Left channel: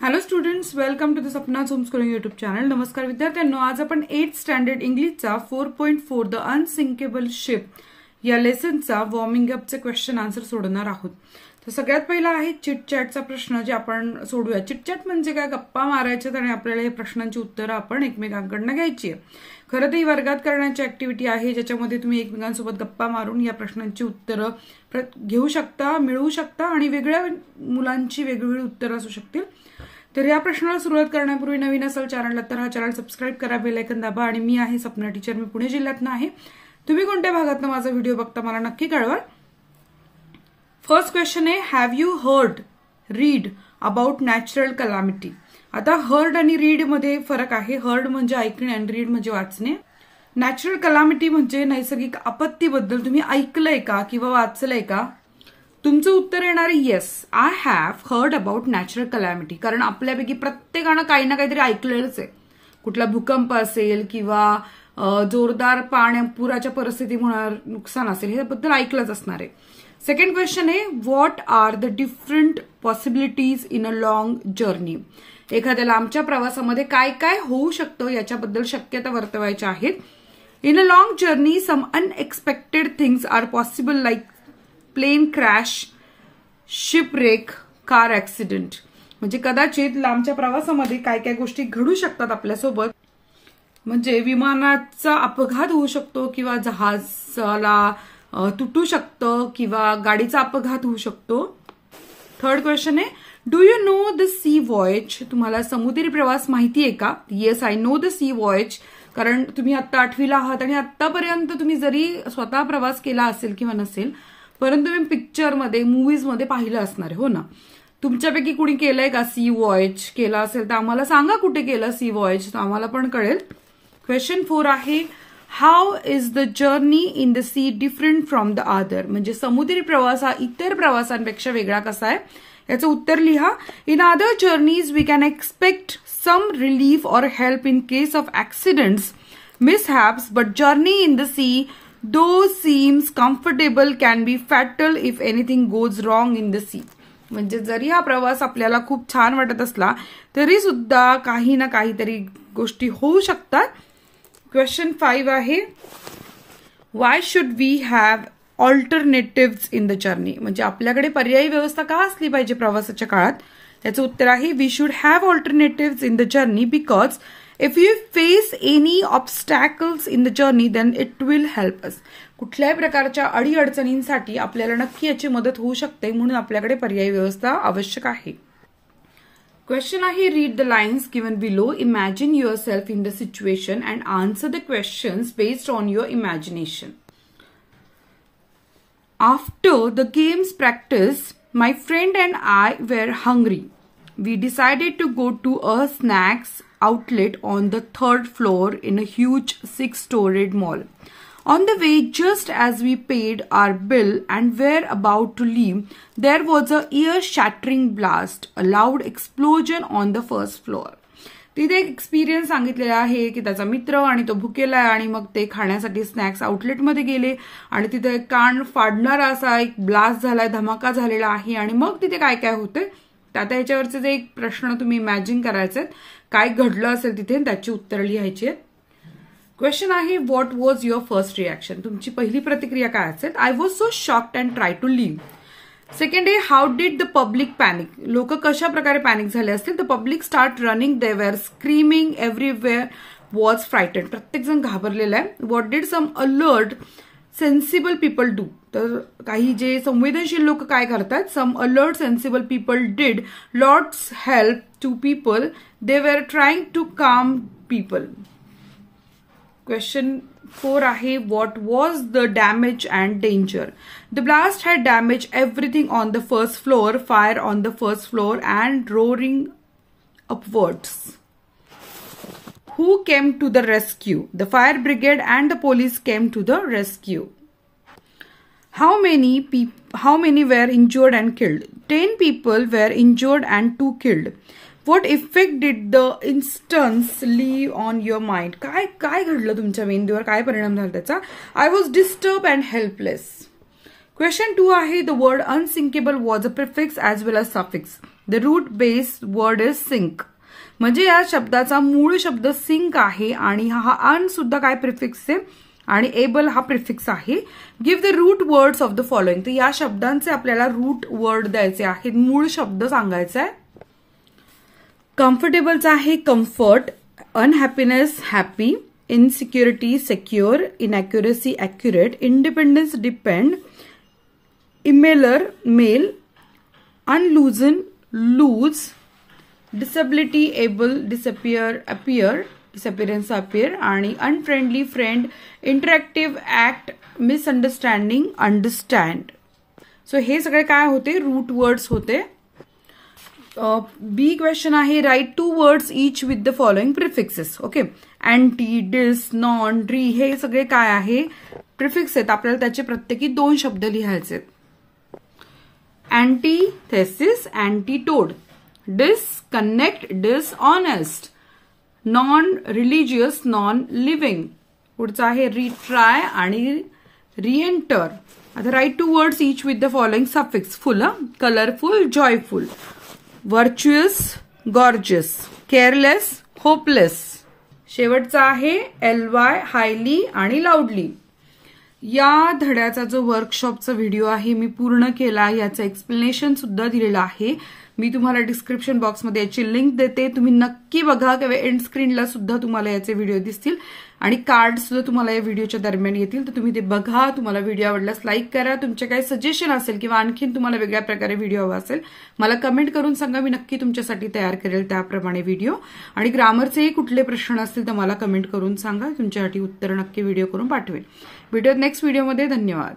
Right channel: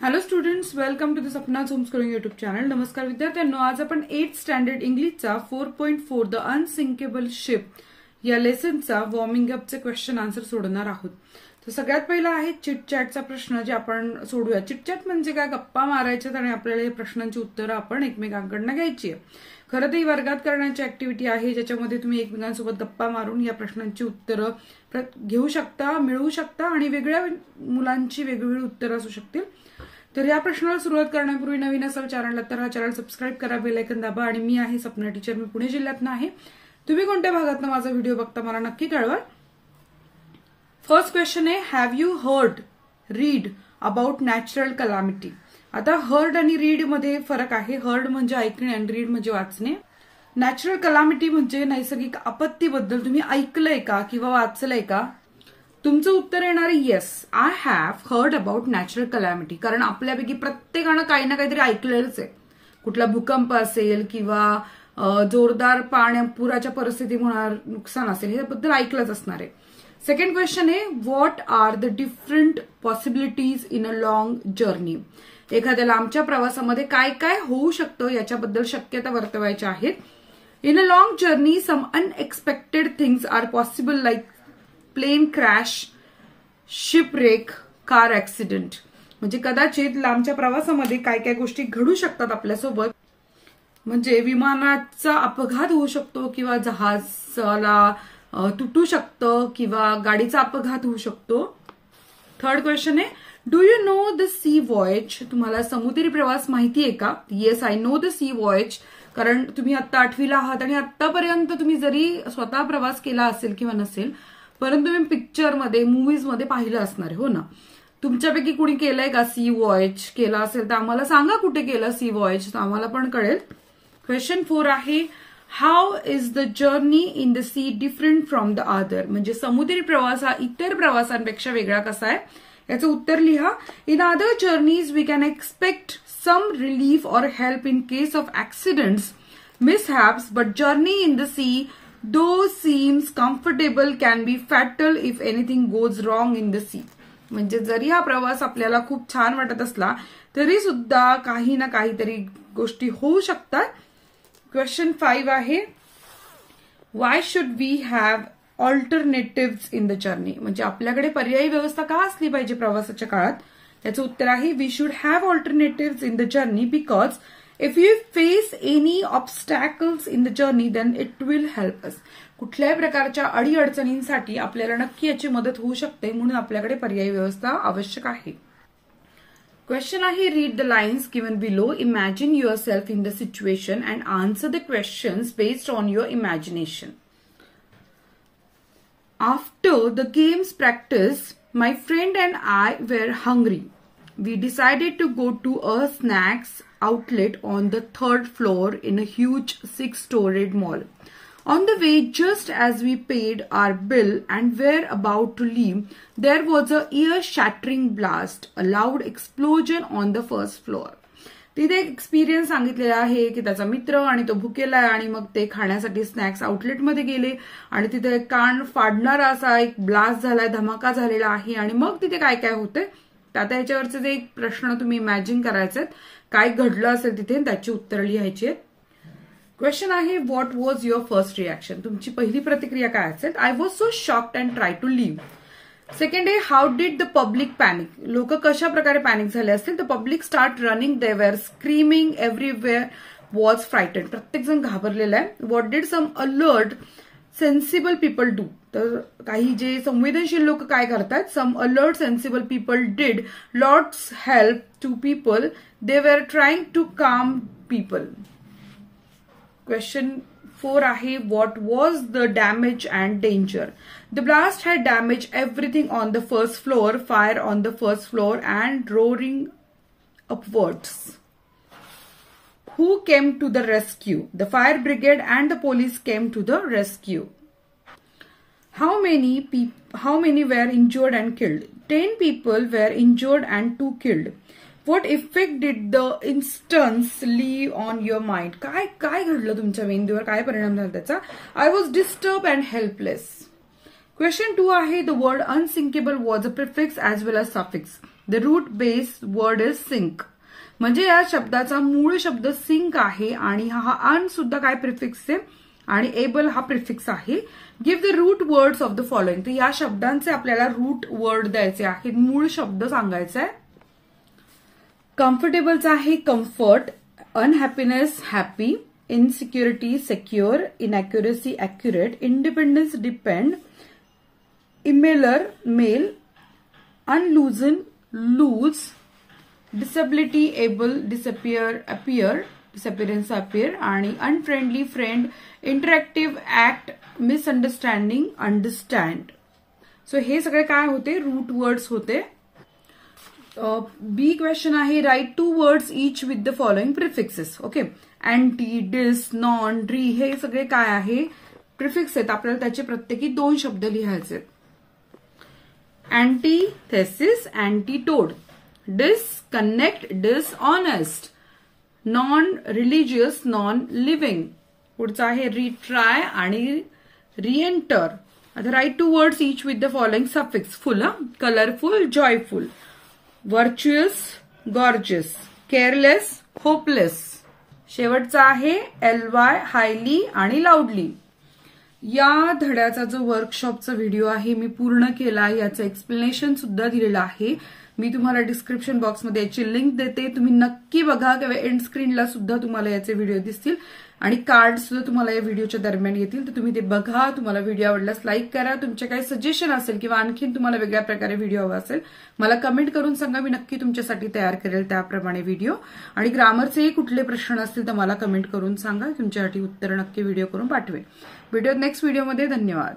Hello students, welcome to the Sapna's homeschooling YouTube channel. नमस्कार विद्यार्थ्यांनो, आज आपण 8th स्टँडर्ड इंग्लिशचा 4.4 द अनसिंकेबल शिप या लेसनचा वॉर्मिंग अपचे क्वेश्चन आन्सर सोडवणार आहोत. तर सगळ्यात पहिला आहे चिट चॅटचा प्रश्न जे आपण सोडूया. चिट चॅट म्हणजे काय? गप्पा मारायचे आणि आपल्याला या प्रश्नांची उत्तरं आपण एकमेकांकडून घ्यायची आहे. खरं तर ही वर्गात करण्याची ऍक्टिव्हिटी आहे ज्याच्यामध्ये तुम्ही एकमेकांसोबत गप्पा मारून या प्रश्नांची उत्तरं घेऊ शकता, मिळवू शकता आणि वेगळ्या मुलांची वेगवेगळी उत्तरं असू शकतील. तर या प्रश्नाला सुरुवात करण्यापूर्वी नवीन असाल चॅनलला तर हा चॅनल सबस्क्राईब करा, बेल आयकॉन दाबा. आणि मी आहे सपना टीचर, मी पुणे जिल्ह्यातनं आहे. तुम्ही कोणत्या भागातनं माझा व्हिडिओ बघता मला नक्की कळवा. फर्स्ट क्वेश्चन आहे, have you read about natural calamity. आता हर्ड आणि रीड मध्ये फरक आहे. हर्ड म्हणजे ऐकणे आणि रीड म्हणजे वाचणे. नॅचरल कलॅमिटी म्हणजे नैसर्गिक आपत्तीबद्दल तुम्ही ऐकलंय का किंवा वाचलंय का? तुमचं उत्तर येणार आहे yes, I have heard about natural calamity. कारण आपल्यापैकी प्रत्येकानं काही ना काहीतरी ऐकलेलंच आहे. कुठला भूकंप असेल किंवा जोरदार पुराच्या परिस्थितीमुळे नुकसान असेल, ह्याबद्दल ऐकलंच असणार आहे. सेकंड क्वेश्चन आहे, what are the different possibilities in a long journey. एखाद्या लांबच्या प्रवासामध्ये काय काय होऊ शकतं याच्याबद्दल शक्यता वर्तवायच्या आहेत. In a long journey some unexpected things are possible like plane crash, shipwreck, car accident. म्हणजे कदाचित लांबच्या प्रवासामध्ये काय काय गोष्टी घडू शकतात आपल्यासोबत. म्हणजे विमानाचा अपघात होऊ शकतो किंवा जहाजाला तुटू शकतं किंवा गाडीचा अपघात होऊ शकतो. थर्ड क्वेश्चन आहे, do you know the sea voyage. तुम्हाला समुद्री प्रवास माहिती आहे का? Yes, I know the sea voyage. कारण तुम्ही आता 8वीला आहात आणि आतापर्यंत तुम्ही जरी स्वतः प्रवास केला असेल किंवा नसेल, परंतु तुम्ही पिक्चरमध्ये, मूव्हीजमध्ये पाहिलं असणार, हो ना? तुमच्यापैकी कुणी केलंय का सी वॉयेज? केलं असेल तर आम्हाला सांगा कुठे केलं सी वॉयेज, आम्हाला पण कळेल. क्वेश्चन 4 आहे, how is the journey in the sea different from the other. म्हणजे समुद्री प्रवास हा इतर प्रवासांपेक्षा वेगळा कसा आहे याचं उत्तर लिहा. In other journeys we can expect some relief और help in case of accidents, mishaps, but journey in the sea though seems comfortable can be fatal if anything goes wrong in the sea. म्हणजे जरी हा प्रवास आपल्याला खूप छान वाटत असला तरी सुद्धा काही ना काहीतरी गोष्टी होऊ शकतात. क्वेश्चन 5 आहे, why should we have alternatives in the journey. म्हणजे आपल्याकडे पर्यायी व्यवस्था का असली पाहिजे प्रवासाच्या काळात? त्याचं उत्तर आहे, we should have alternatives in the journey because if you face any obstacles in the journey then it will help us. कुठल्याही प्रकारच्या अडीअडचणींसाठी आपल्याला नक्की याची मदत होऊ शकते, म्हणून आपल्याकडे पर्यायी व्यवस्था आवश्यक आहे. क्वेश्चन आहे, read the lines given below, imagine yourself in the situation and answer the questions based on your imagination. After the games practice my friend and I were hungry. We decided to go to a snacks outlet on the 3rd floor in a huge 6-storied mall. On the way, just as we paid our bill and were about to leave, there was a ear-shattering blast, a loud explosion on the 1st floor. तिथे एक experience सांगितलेला आहे की त्याचा मित्र आणि तो भुकेला आहे आणि मग ते खाण्यासाठी स्नॅक्स आउटलेटमध्ये गेले आणि तिथे कान फाडणारा असा एक ब्लास्ट झालाय, धमाका झालेला आहे. आणि मग तिथे काय काय होते आता ह्याच्यावरचे जे एक प्रश्न तुम्ही इमॅजिन करायचे, काय घडलं असेल तिथे, त्याची उत्तरं लिहायची आहेत. क्वेश्चन आहे, what was your first reaction. तुमची पहिली प्रतिक्रिया काय असेल? I was so shocked and try to live. Second आहे, how did the public panic. लोक कशा प्रकारे पॅनिक झाले असतील? The public start running, they were screaming, everywhere was frighten. प्रत्येक जण घाबरलेला आहे. What did some alert sensible people do. तर काही जे संवेदनशील लोक काय करतात? Some alert sensible people did lots help to people, they were trying to calm people. Question 4 आहे, what was the damage and danger. The blast had damaged everything on the 1st floor, fire on the 1st floor and roaring upwards. Who came to the rescue? The fire brigade and the police came to the rescue. How many were injured and killed? 10 people were injured and 2 killed. What effect did the instance leave on your mind? काय घडलं तुमच्या मेंदूवर? काय परिणाम झाला त्याचा? I was disturbed and helpless. Question 2 आहे the word unsinkable was a prefix as well as suffix. The root base word is sink. म्हणजे या शब्दाचा मूळ शब्द सिंक आहे आणि हा अन सुद्धा काय प्रिफिक्स आहे आणि एबल हा प्रिफिक्स आहे. Give the root words of the following. तर या शब्दांचे आपल्याला रूट वर्ड द्यायचे आहेत, मूळ शब्द सांगायचा आहे. कम्फर्टेबलचा आहे comfort, unhappiness happy, insecurity secure, inaccuracy accurate, independence depend, emailer mail, unloosen loose, disability able, disappear appear, disappearance appear आणि unfriendly friend, interactive act, misunderstanding understand. So हे सगळे काय होते रूट वर्ड्स होते. बी क्वेश्चन आहे write 2 words each with the following prefixes. Okay, anti, dis, non, re हे सगळे काय आहे प्रिफिक्स आहेत. आपल्याला त्याचे प्रत्येकी 2 शब्द लिहायचे. Antithesis antidote, disconnect dishonest, non religious non living. पुढचा आहे रिट्राय आणि रिएंटर. आता write 2 words each with the following suffix. Full, colourful, joyful, virtuous, gorgeous, careless, hopeless. शेवटचा आहे एलवाय, हायली आणि लाऊडली. या धड्याचा जो वर्कशॉपचा व्हिडिओ आहे मी पूर्ण केला, याचं एक्सप्लेनेशन सुद्धा दिलेलं आहे. मी तुम्हाला डिस्क्रिप्शन बॉक्समध्ये याची लिंक देते, तुम्ही नक्की बघा किंवा एंड स्क्रीनला सुद्धा तुम्हाला याचे व्हिडिओ दिसतील आणि कार्ड सुद्धा तुम्हाला या व्हिडिओच्या दरम्यान येतील. तर तुम्ही ते बघा. तुम्हाला व्हिडिओ आवडल्यास लाईक करा. तुमचे काही सजेशन असेल किंवा आणखीन तुम्हाला वेगळ्या प्रकारे व्हिडिओ हवा असेल मला कमेंट करून सांगा, मी नक्की तुमच्यासाठी तयार करेल त्याप्रमाणे व्हिडिओ. आणि ग्रामरचेही कुठले प्रश्न असतील तर मला कमेंट करून सांगा, तुमच्यासाठी उत्तर नक्की व्हिडिओ करून पाठवेल. भेटूयात नेक्स्ट व्हिडिओमध्ये. धन्यवाद.